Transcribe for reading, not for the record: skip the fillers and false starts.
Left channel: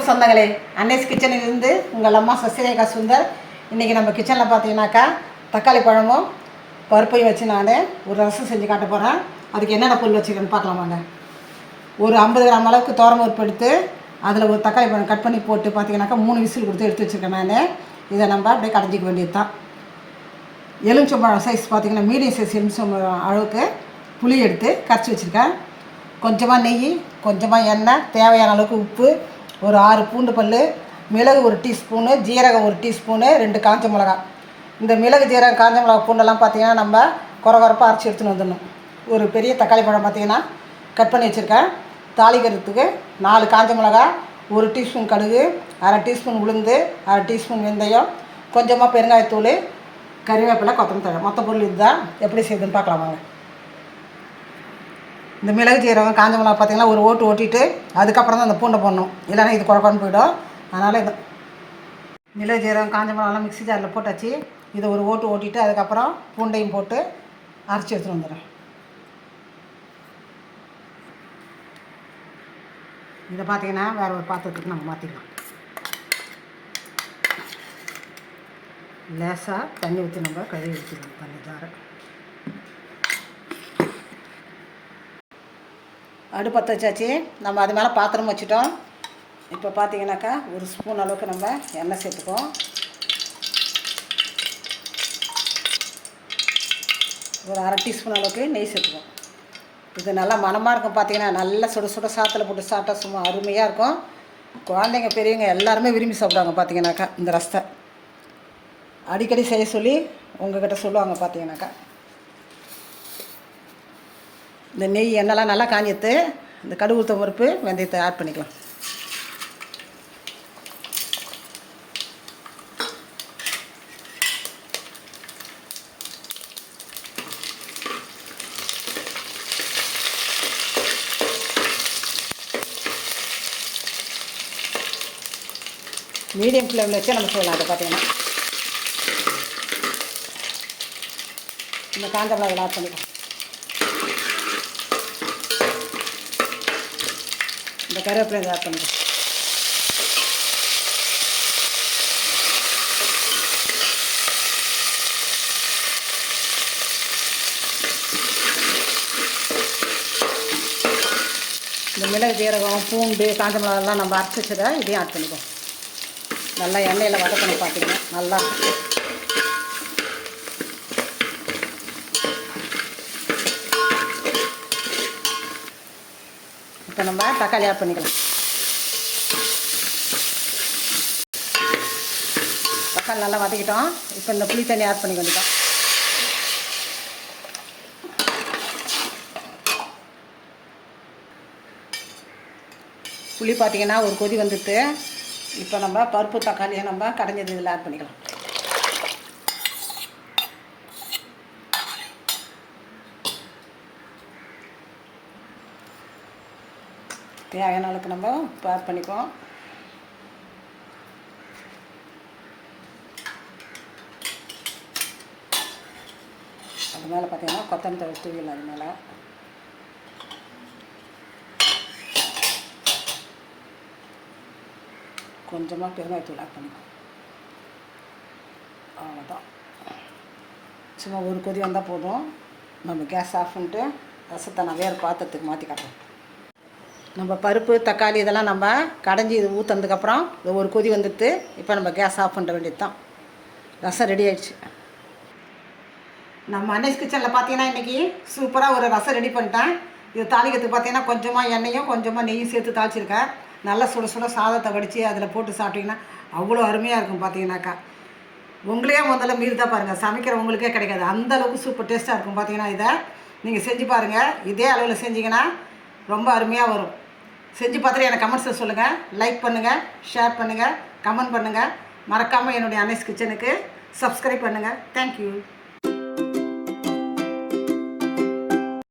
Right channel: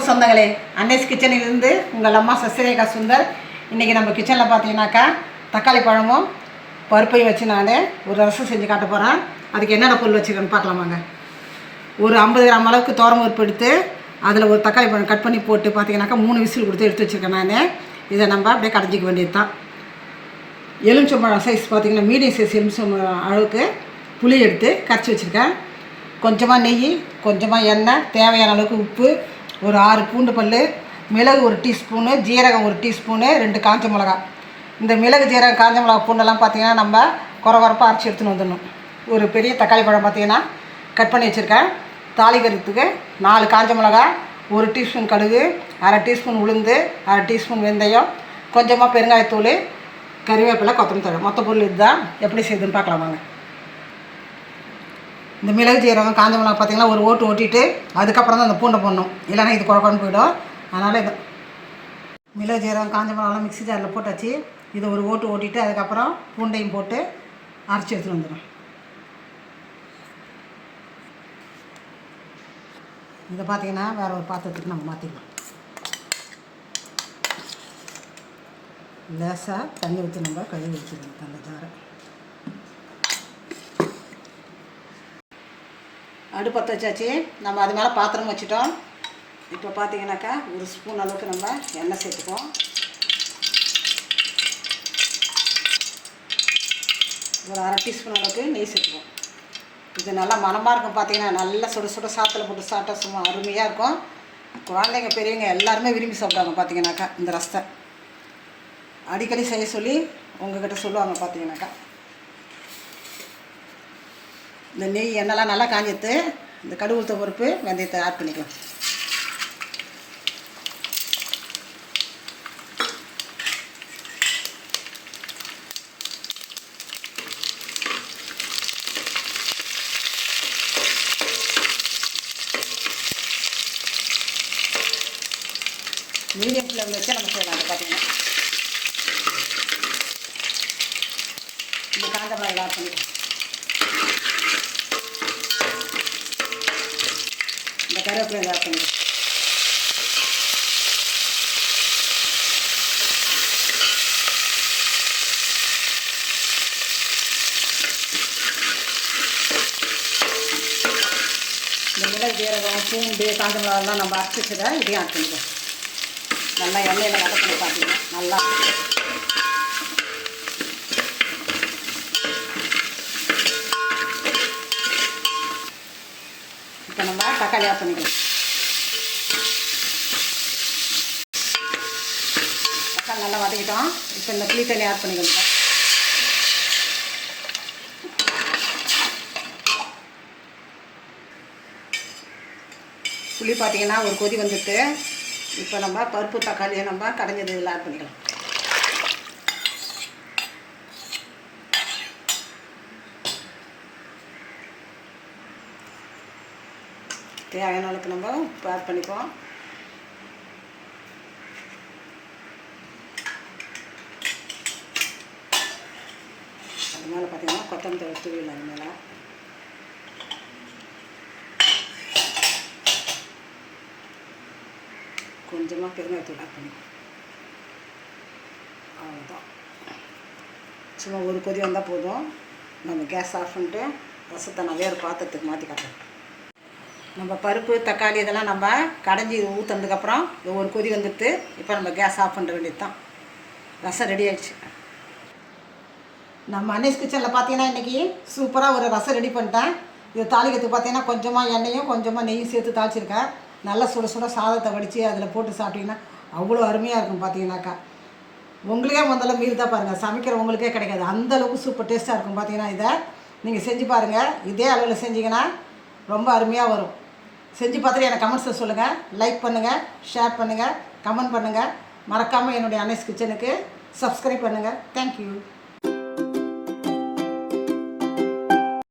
வணக்கம் சொந்தங்களே, அன்னைஸ் கிச்சனிலிருந்து உங்கள் அம்மா சசிரேகா சுந்தர். இன்றைக்கி நம்ம கிச்சனில் பார்த்தீங்கன்னாக்கா தக்காளி பழமும் பருப்பையும் வச்சு நான் ஒரு ரசம் செஞ்சு காட்ட போகிறேன். அதுக்கு என்னென்ன பொருள் வச்சுருக்கேன்னு பார்க்கலாமாங்க. ஒரு 50 கிராம் அளவுக்கு பருப்பு எடுத்து அதில் ஒரு தக்காளி பழம் கட் பண்ணி போட்டு பார்த்தீங்கன்னாக்கா 3 விசில் கொடுத்து எடுத்து வச்சுருக்கேன். நான் இதை நம்ம அப்படியே கடைஞ்சிக்க வேண்டியது தான். எலுமிச்சம்பழம் சைஸ் பார்த்திங்கன்னா மீடியம் சைஸ் எலுமிச்சம்பழம் அளவுக்கு புளி எடுத்து கரைச்சி வச்சுருக்கேன். கொஞ்சமாக நெய், கொஞ்சமாக எண்ணெய், தேவையான அளவுக்கு உப்பு, ஒரு 6 பூண்டு பல், மிளகு 1 டீஸ்பூனு, ஜீரகம் 1 டீஸ்பூனு, 2 காஞ்ச மிளகா. இந்த மிளகு, ஜீரகம், காஞ்ச மிளகா, பூண்டெல்லாம் பார்த்திங்கன்னா நம்ம குறவரப்பாக அரைச்சி எடுத்துன்னு வந்துடணும். ஒரு பெரிய தக்காளி பழம் பார்த்திங்கன்னா கட் பண்ணி வச்சுருக்கேன். தாளிக்கிறதுக்கு 4 காஞ்ச மிளகா, 1 டீஸ்பூன் கடுகு, 1/2 டீஸ்பூன் உளுந்து, 1/2 டீஸ்பூன் வெந்தயம், கொஞ்சமாக பெருங்காயத்தூள், கறிவேப்பிலை, கொத்தமல்லி தழை. மொத்த பொருள் இதுதான். எப்படி செய்யுதுன்னு பார்க்கலாமாங்க. இந்த மிளகு, ஜீரகம், காஞ்ச மிளகா பார்த்திங்கன்னா ஒரு ஓட்டு ஓட்டிட்டு அதுக்கப்புறம் தான் அந்த பூண்டை போடணும், இல்லைன்னா இது குழப்பம்னு போயிடும். அதனால் இது மிளகு, ஜீரகம், காஞ்ச மிளகாலாம் மிக்ஸி ஜாரில் போட்டாச்சு. இதை ஒரு ஓட்டு ஓட்டிட்டு அதுக்கப்புறம் பூண்டையும் போட்டு அரைச்சி எடுத்துகிட்டு வந்துடும். இதை பார்த்திங்கன்னா வேறு ஒரு பாத்திரத்துக்கு நம்ம மாற்றிடலாம். லேசாக தண்ணி ஊற்றி நம்ம கழுவி வச்சுக்கலாம் தண்ணி ஜாரை. அடுப்பு பற்ற வச்சாச்சு. நம்ம அது மேலே பாத்திரம் வச்சுட்டோம். இப்போ பார்த்தீங்கன்னாக்கா ஒரு ஸ்பூன் அளவுக்கு நம்ம எண்ணெய் சேர்த்துக்கோம். ஒரு 1/2 டீஸ்பூன் அளவுக்கு நெய் சேர்த்துக்கோம். இது நல்லா மணமாக இருக்கும். பார்த்தீங்கன்னா நல்லா சுட சுட சாத்தில் போட்டு சாப்பிட்டா சும்மா அருமையாக இருக்கும். குழந்தைங்க பெரியவங்க எல்லாருமே விரும்பி சாப்பிடுவாங்க. பார்த்தீங்கன்னாக்கா இந்த ரசத்தை அடிக்கடி செய்ய சொல்லி உங்கள்கிட்ட சொல்லுவாங்க. பார்த்தீங்கன்னாக்கா இந்த நெய் எண்ணெய்லாம் நல்லா காஞ்சிட்டு இந்த கடுகு, உளுத்தம் பருப்பு, வெந்தயத்தை ஆட் பண்ணிக்கலாம். மீடியம் ஃப்ளேமில் வச்சு நம்ம செய்யலாம். அதை பார்த்தீங்கன்னா இந்த காஞ்ச மிளகாய் ஆட் பண்ணிக்கலாம். இந்த கருவேப்பிலை ஆட் பண்ணிக்கலாம். இந்த மிளகு, ஜீரகம், பூண்டு, காஞ்ச மிளகாலாம் நம்ம அரைச்சி வச்சதை இதையும் ஆட் பண்ணிக்கலாம். நல்லா எண்ணெயில் வதக்கணும். பார்த்தீங்கன்னா நல்லா இப்போ நம்ம தக்காளி ஆட் பண்ணிக்கலாம். தக்காளி நல்லா வதக்கிட்டோம். இப்போ இந்த புளி தண்ணி ஆட் பண்ணிக்கலாம். புளி பார்த்தீங்கன்னா ஒரு கொதி வந்துட்டு இப்போ நம்ம பருப்பு, தக்காளியை நம்ம கடைஞ்சது இதில் ஆட் பண்ணிக்கலாம். தேவையான அளவுக்கு நம்ம ஆட் பண்ணிப்போம். அது மேலே பார்த்தீங்கன்னா கொத்தமல்லி தழை தூவிடலாம். அது மேலே கொஞ்சமாக பெருங்காயத்தூள் ஆட் பண்ணிப்போம். அவ்வளோதான். சும்மா ஒரு கொதி வந்தால் போதும். நம்ம கேஸ் ஆஃப் பண்ணிட்டு ரசத்தை நான் வேறு பாத்திரத்துக்கு மாற்றி காட்டுறோம். நம்ம பருப்பு, தக்காளி இதெல்லாம் நம்ம கடைஞ்சி இது ஊற்றுனதுக்கப்புறம் ஒரு கொதி வந்துட்டு இப்போ நம்ம கேஸ் ஆஃப் பண்ணுற வேண்டியது தான். ரசம் ரெடி ஆகிடுச்சு. நம்ம அன்னைஸ் கிச்சனில் பார்த்தீங்கன்னா இன்றைக்கி சூப்பராக ஒரு ரசம் ரெடி பண்ணிட்டேன். இது தாளிக்கிறதுக்கு பார்த்தீங்கன்னா கொஞ்சமாக எண்ணெயும் கொஞ்சமாக நெய்யும் சேர்த்து தாளிச்சிருக்கேன். நல்லா சுட சுட சாதத்தை வடித்து அதில் போட்டு சாப்பிட்டிங்கன்னா அவ்வளோ அருமையாக இருக்கும். பார்த்தீங்கன்னாக்கா உங்களுக்கே முதல்ல மீறி தான் பாருங்கள், சமைக்கிற உங்களுக்கே கிடைக்காது. அந்தளவுக்கு சூப்பர் டேஸ்ட்டாக இருக்கும். பார்த்தீங்கன்னா இதை நீங்கள் செஞ்சு பாருங்கள். இதே அளவில் செஞ்சிங்கன்னா ரொம்ப அருமையாக வரும். செஞ்சு பார்த்துட்டு எனக்கு கமெண்ட்ஸில் சொல்லுங்கள். லைக் பண்ணுங்கள், ஷேர் பண்ணுங்கள், கமெண்ட் பண்ணுங்கள். மறக்காமல் என்னுடைய அன்னைஸ் கிச்சனுக்கு சப்ஸ்கிரைப் பண்ணுங்கள். தேங்க்யூ.